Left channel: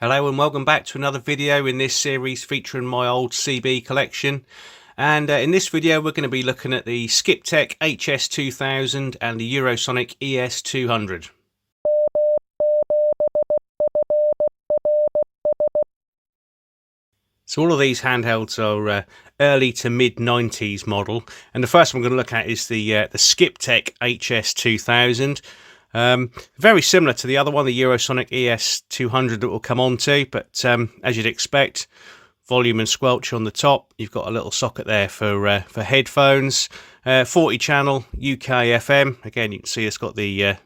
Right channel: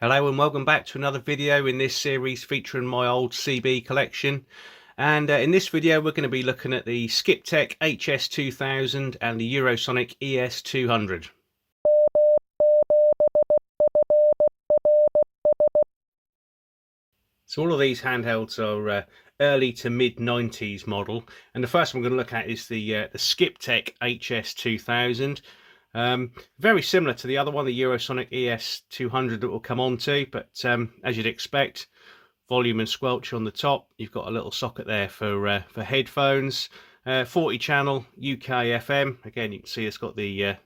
Hello and welcome back to another video in this series featuring my old CB collection. And in this video we're going to be looking at the Skiptech HS2000 and the Eurosonic ES200. So all of these handhelds are early to mid 90s model, and the first one we're going to look at is the Skiptech HS2000. Very similar to the other one, the Eurosonic ES200 that we'll come on to, but as you'd expect, volume and squelch on the top. You've got a little socket there for headphones, 40 channel UK FM. Again, you can see it's got the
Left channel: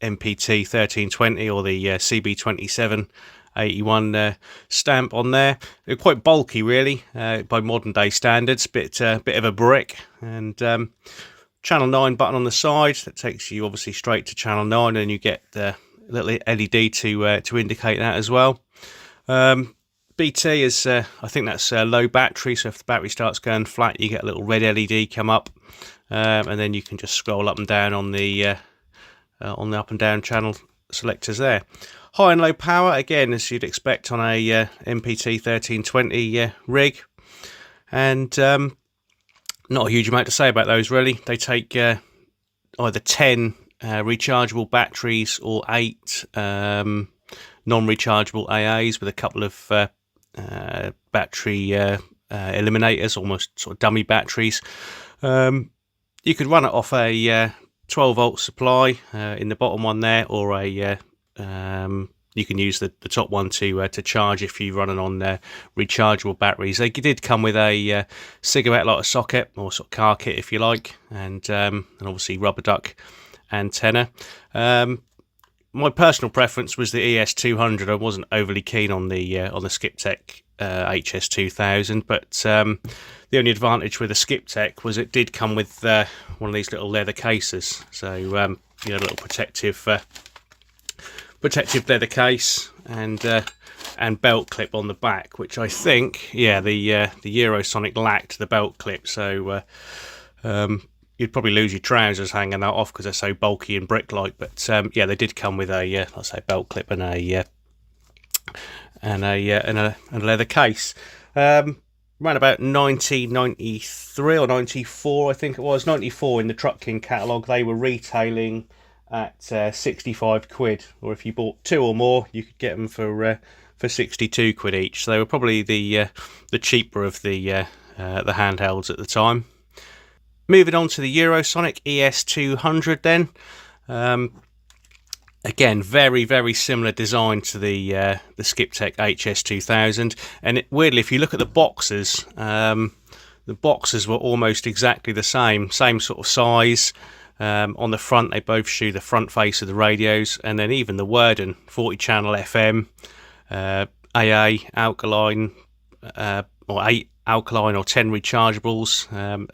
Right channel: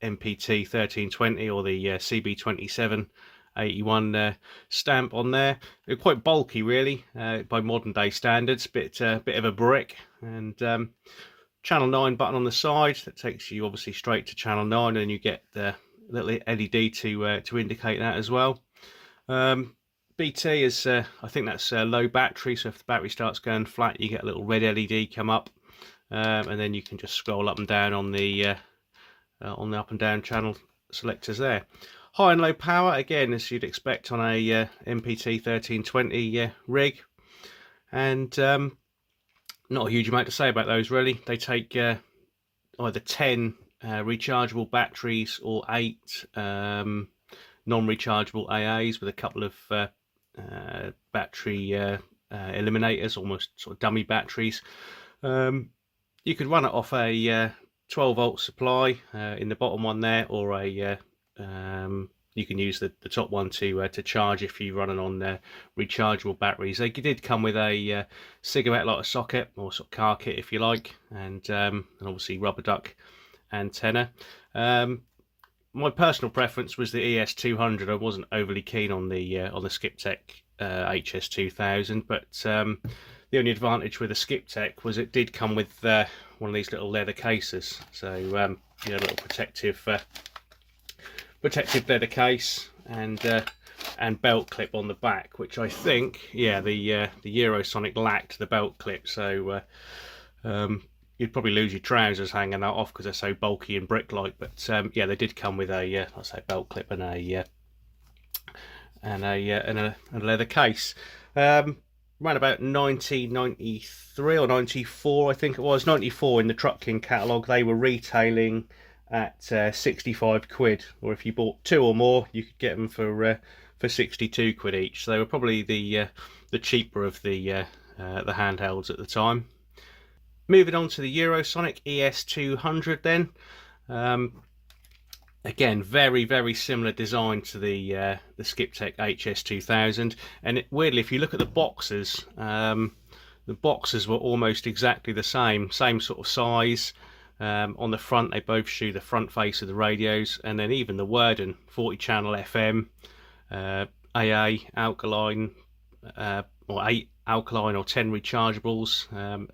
MPT 1320 or the CB 2781 stamp on there. They're quite bulky, really, by modern day standards. Bit of a brick, and channel 9 button on the side that takes you obviously straight to channel 9, and you get the little LED to indicate that as well. BT is I think that's low battery, so if the battery starts going flat you get a little red LED come up, and then you can just scroll up and down on the up and down channel selectors there. High and low power, again, as you'd expect on a MPT 1320 rig, and not a huge amount to say about those, really. They take either 10 rechargeable batteries or 8 non-rechargeable AAs with a couple of battery eliminators, almost sort of dummy batteries. You could run it off a 12 volt supply in the bottom one there, or a you can use the top one to charge if you're running on rechargeable batteries. They did come with a cigarette lighter socket, or sort of car kit if you like, and obviously rubber duck antenna. My personal preference was the ES200. I wasn't overly keen on the Skiptech HS2000, but the only advantage with the Skiptech was it did come with one of these little leather cases, so you had a little protective leather case and belt clip on the back, which I think, yeah, the Eurosonic lacked the belt clip, so you'd probably lose your trousers hanging that off because they're so bulky and brick-like. But yeah, they did come with a let's say belt clip and a leather case. Around about 1993 or 94, I think it was 94, in the Truck King catalogue, they were retailing at 65 quid, or if you bought 2 or more you could get them for 62 quid each. So they were probably the cheaper of the handhelds at the time. Moving on to the Eurosonic ES200 then. Again, very similar design to the Skiptech HS2000, and weirdly, if you look at the boxes were almost exactly the same sort of size. On the front, they both show the front face of the radios, and then even the wording, 40 channel FM, AA, alkaline, or 8 alkaline or 10 rechargeables.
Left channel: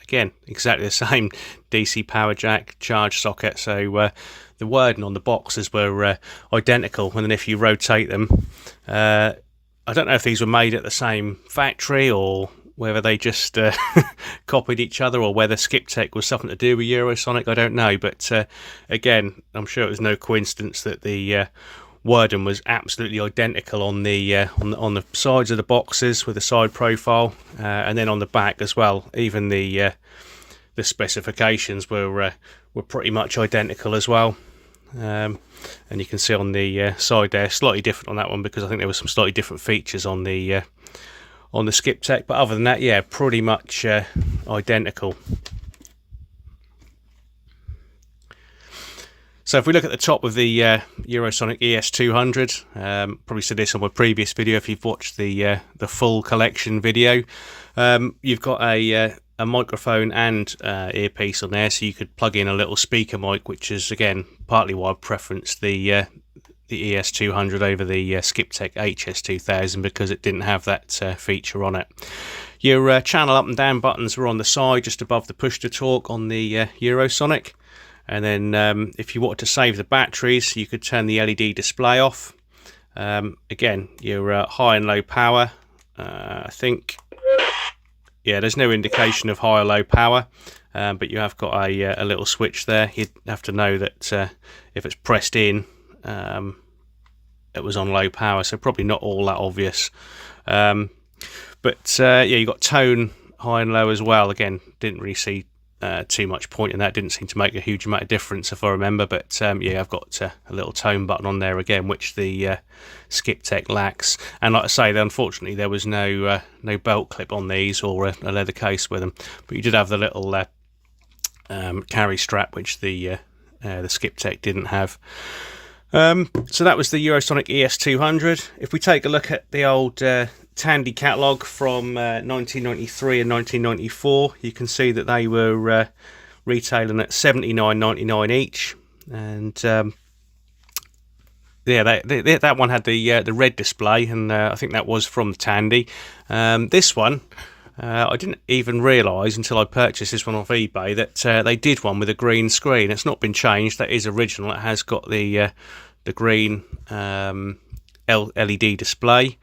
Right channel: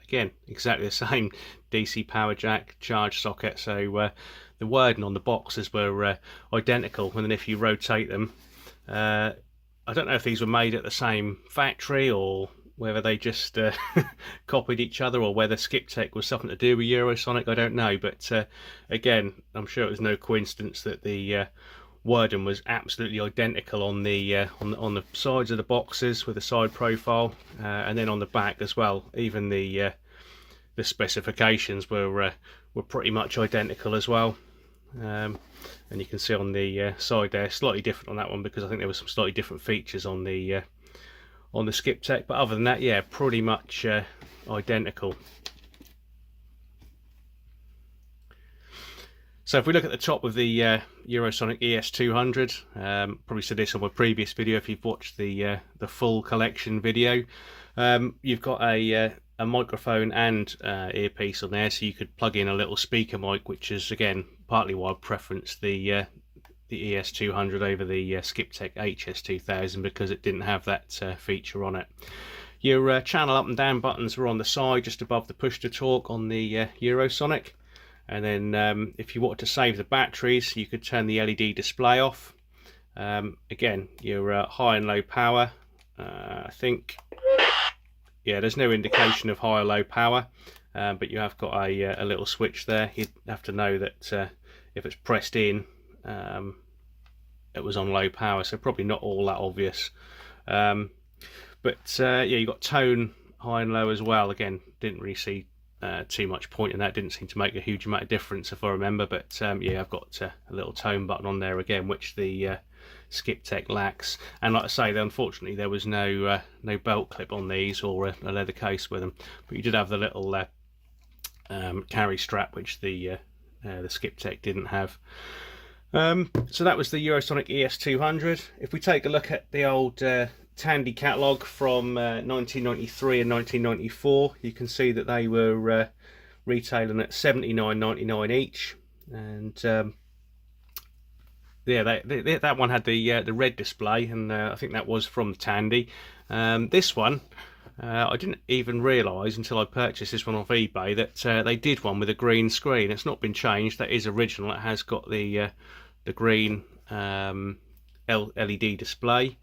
Again, exactly the same DC power jack, charge socket. So the wording on the boxes were identical, and then if you rotate them, I don't know if these were made at the same factory or whether they just copied each other, or whether Skiptech was something to do with Eurosonic, I don't know. But again, I'm sure it was no coincidence that the wording was absolutely identical on the sides of the boxes with the side profile, and then on the back as well. Even the specifications were pretty much identical as well. And you can see on the side there, slightly different on that one because I think there were some slightly different features on the Skiptech, but other than that, yeah, pretty much identical. So if we look at the top of the Eurosonic ES200, probably said this on my previous video if you've watched the full collection video, you've got a microphone and earpiece on there, so you could plug in a little speaker mic, which is again partly why I preferenced the ES200 over the Skiptech HS2000, because it didn't have that feature on it. Your channel up and down buttons were on the side just above the push to talk on the Eurosonic, and then if you wanted to save the batteries you could turn the LED display off. Again, your high and low power, I think, yeah, there's no indication of high or low power, but you have got a little switch there. You'd have to know that if it's pressed in, that was on low power, so probably not all that obvious. But yeah, you got tone high and low as well. Again, didn't really see too much point in that. Didn't seem to make a huge amount of difference if I remember. But yeah, I've got a little tone button on there again, which the Skiptech lacks. And like I say, unfortunately there was no belt clip on these, or a leather case with them. But you did have the little carry strap, which the Skiptech didn't have. So that was the Eurosonic ES200. If we take a look at the old Tandy catalogue from 1993 and 1994, you can see that they were retailing at $79.99 each, and yeah, that one had the red display, and I think that was from Tandy. This one, I didn't even realise until I purchased this one off eBay that they did one with a green screen. It's not been changed. That is original. It has got the green LED display.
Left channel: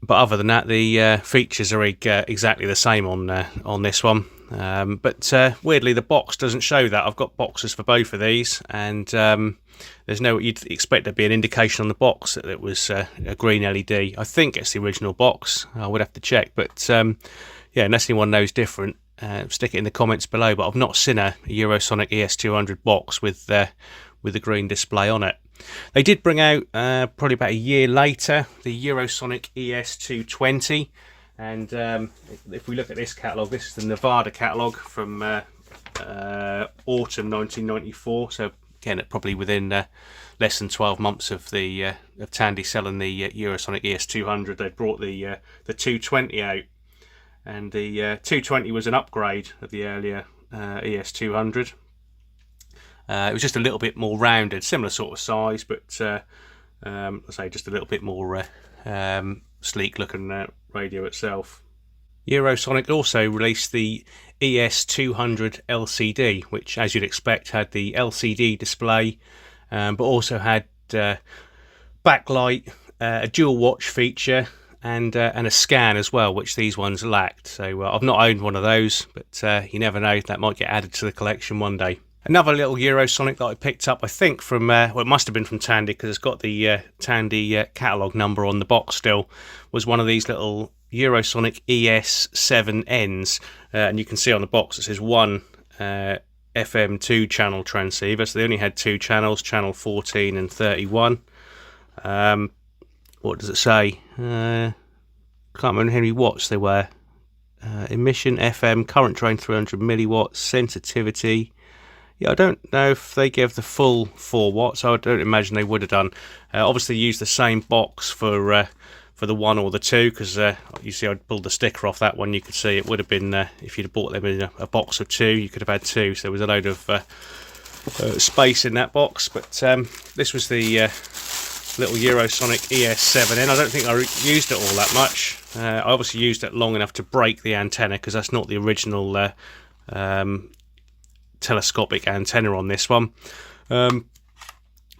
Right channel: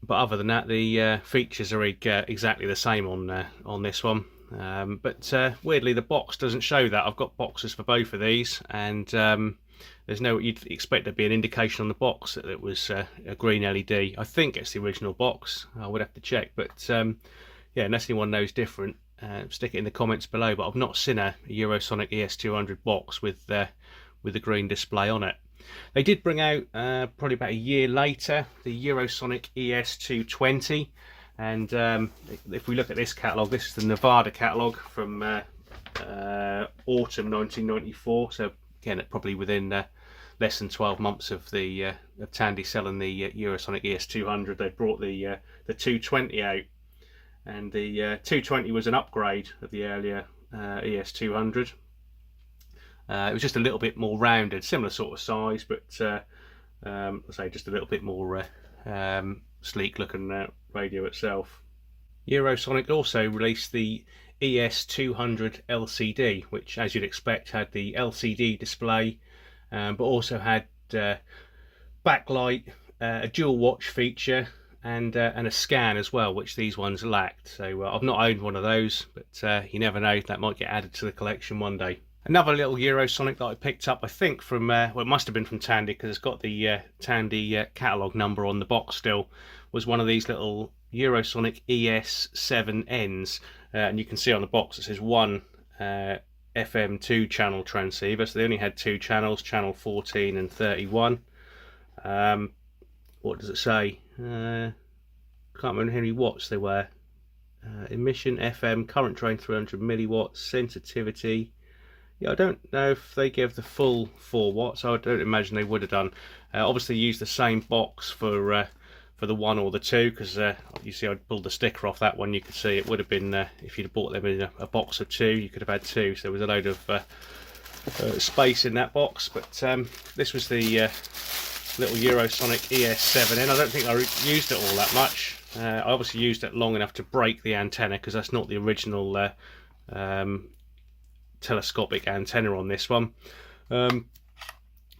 But other than that, the features are exactly the same on this one. But weirdly, the box doesn't show that. I've got boxes for both of these, and there's no. You'd expect there'd be an indication on the box that it was a green LED. I think it's the original box. I would have to check, but yeah, unless anyone knows different, stick it in the comments below. But I've not seen a Eurosonic ES200 box with the green display on it. They did bring out, probably about a year later, the Eurosonic ES220, and if we look at this catalogue, this is the Nevada catalogue from autumn 1994, so again, probably within less than 12 months of Tandy selling the Eurosonic ES200, they brought the 220 out, and the 220 was an upgrade of the earlier ES200. It was just a little bit more rounded, similar sort of size, but let's say just a little bit more sleek looking radio itself. Eurosonic also released the ES200 LCD, which, as you'd expect, had the LCD display, but also had backlight, a dual watch feature, and a scan as well, which these ones lacked. So I've not owned one of those, but you never know, that might get added to the collection one day. Another little Eurosonic that I picked up, I think from, well, it must have been from Tandy, because it's got the Tandy catalogue number on the box still, was one of these little Eurosonic ES7Ns. And you can see on the box it says one FM2 channel transceiver, so they only had two channels, channel 14 and 31. What does it say? Can't remember how many watts they were. Emission FM, current drain 300 milliwatts, sensitivity. Yeah, I don't know if they gave the full 4 watts. I don't imagine they would have done. Obviously, used the same box for the 1 or the 2, because you see I pulled the sticker off that one. You could see it would have been, if you'd have bought them in a box of 2, you could have had 2. So there was a load of space in that box. But this was the little Eurosonic ES7N. I don't think I used it all that much. I obviously used it long enough to break the antenna, because that's not the original telescopic antenna on this one, but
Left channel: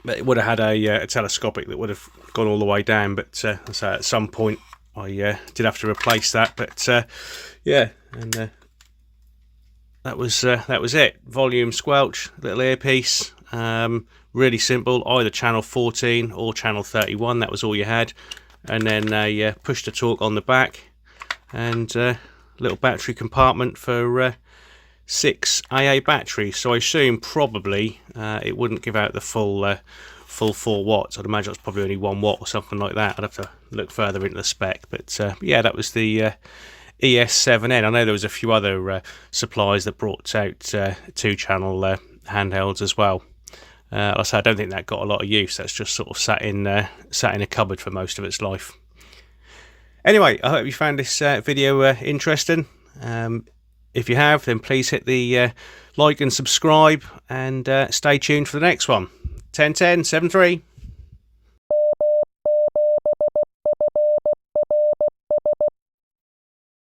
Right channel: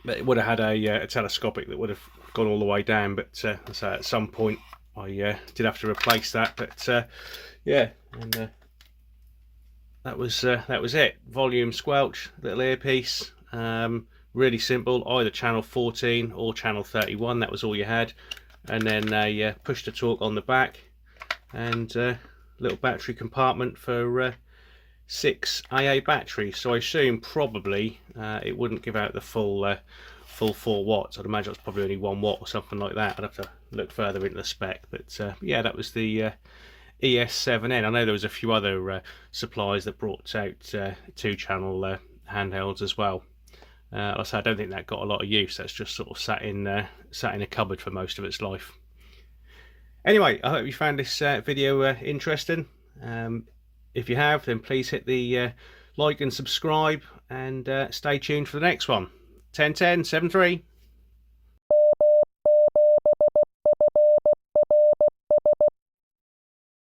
it would have had a telescopic that would have gone all the way down, but so at some point I did have to replace that. But yeah, and that was it. Volume squelch, little earpiece, really simple, either channel 14 or channel 31, that was all you had, and then a push to talk on the back, and little battery compartment for 6 AA batteries. So I assume probably it wouldn't give out the full 4 watts. I'd imagine it's probably only 1 watt or something like that. I'd have to look further into the spec. But yeah, that was the ES7N. I know there was a few other suppliers that brought out 2-channel handhelds as well. Like I said, I don't think that got a lot of use. That's just sort of sat in a cupboard for most of its life. Anyway, I hope you found this video interesting. If you have, then please hit the like and subscribe, and stay tuned for the next one. 101073.